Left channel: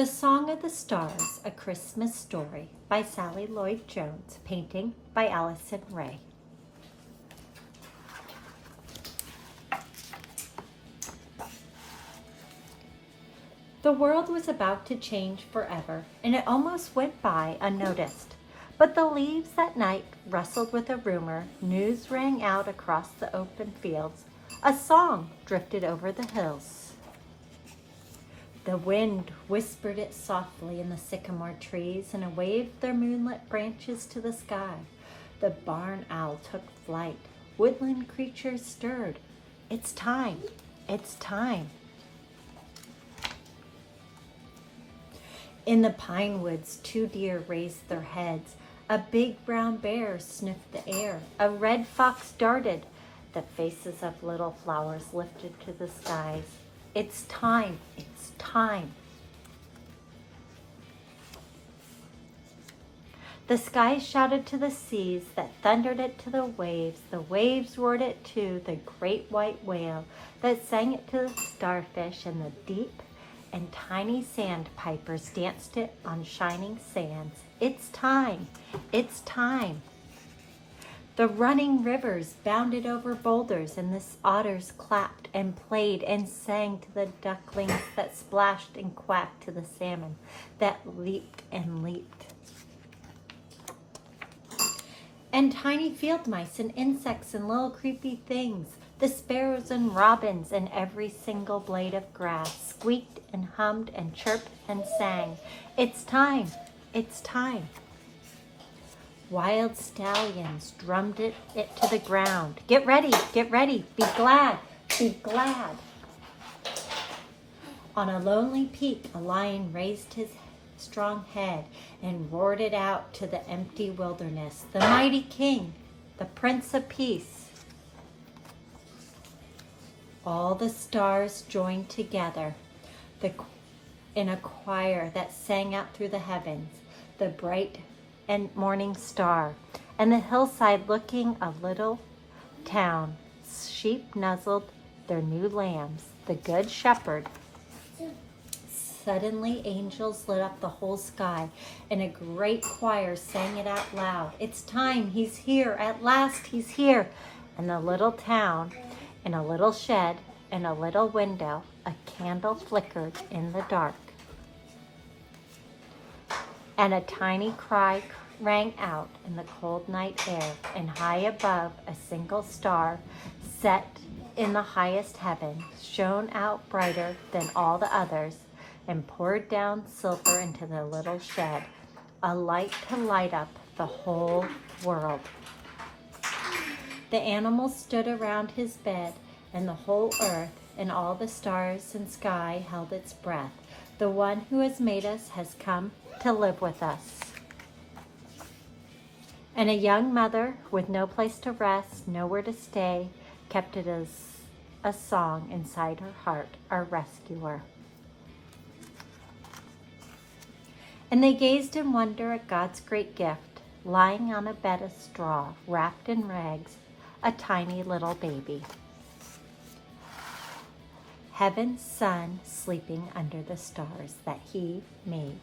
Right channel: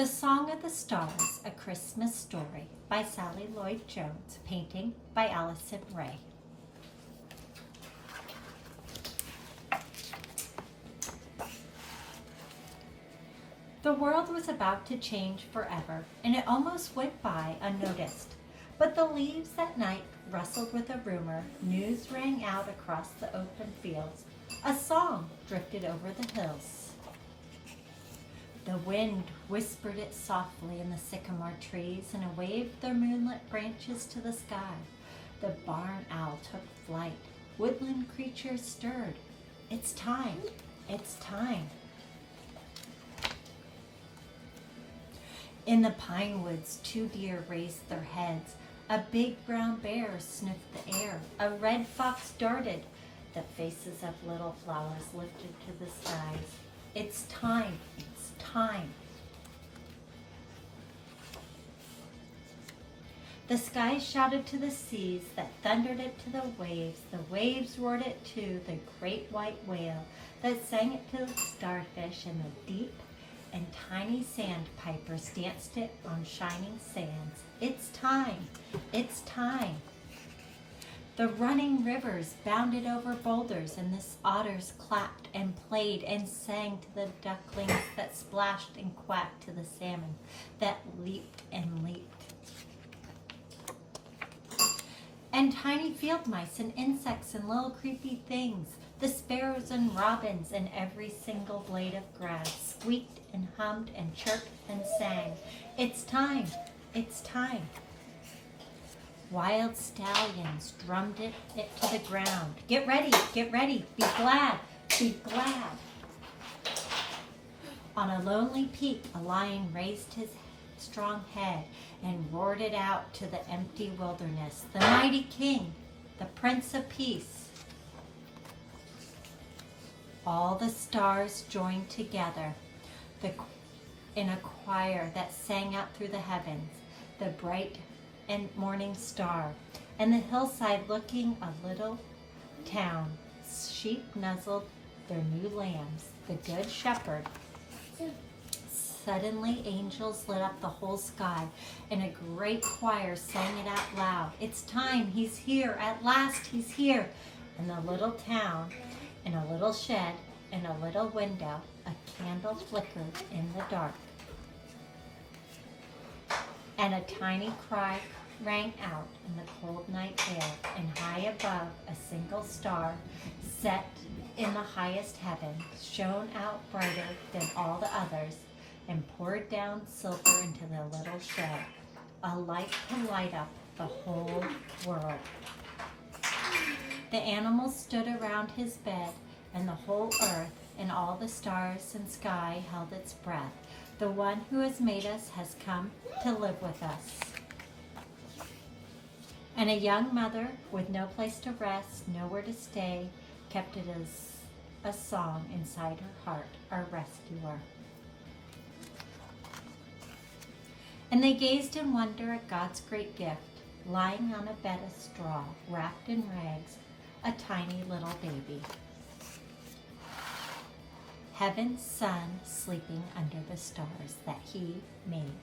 The Song of the Stars, A Christmas Story by Sally Loyd Jones, painting by Allison Ray. The world was about to change forever, and it almost went by unnoticed. But the leaves at night rustled with a rumor, news rang out across the open fields, a song drifted over the hills. The wind whispered it softly in the sycamore trees and waved their moonlit branches to the sky. The barn owl took flight. Woodland creatures stirred. It's time. It's time. In the pine woods, 2 deer raised their heads. A big brown bear sniffed the air. A red fox darted. The faces of little flowers lifted to the skies. It's time. It's time. The skies shouted to the seas that thundered it to the waves. The waves roared it to the great white whale that sang it to the starfish, and the deep and tiny sandpipers danced it on shining sands. It's time. It's time. The running rivers bounded over boulders, and the otters clapped and played and sang to the ducklings that splashed and quacked to the salmon that leaped and leaped. And tiny field mice and insects and little creepy things, the sparrows and robins and every single blade of grass squeaked and hummed and chirped and sang. It's time. It's time. Wild stallions drummed it to the ground. Get ready, be glad, be glad. On a lonely peak, a lion raised his strong head and roared it out to the empty wilderness. The mighty king, the Prince of Peace. All the stars joined together in a choir that sang out through the heavens. The bright and morning star, and the hillside looking a little town. Sheep nuzzled their new lambs. The good shepherd. Suddenly angels lit up the whole sky, and a great choir sang it out loud. It's time. He's here. At last he's here. And the little town, in a little shed, in a little window, a candle flickered in the dark. And a tiny cry rang out in the cold night air, and high above a single star, set in the highest heaven, shone out brighter than all the others, and poured down silver into the little shed, a light to light up the whole world. The animals stood around his bed, and the whole earth and all the stars and sky held its breath. The one who has made us has come to live with us. And a young mother with no place to rest, nowhere to stay, kept it as a song inside her heart, our rescuer. And they gazed in wonder at God's great gift, lying on a bed of straw, wrapped in rags, a tiny little baby. Heaven's son sleeping under the stars that he made.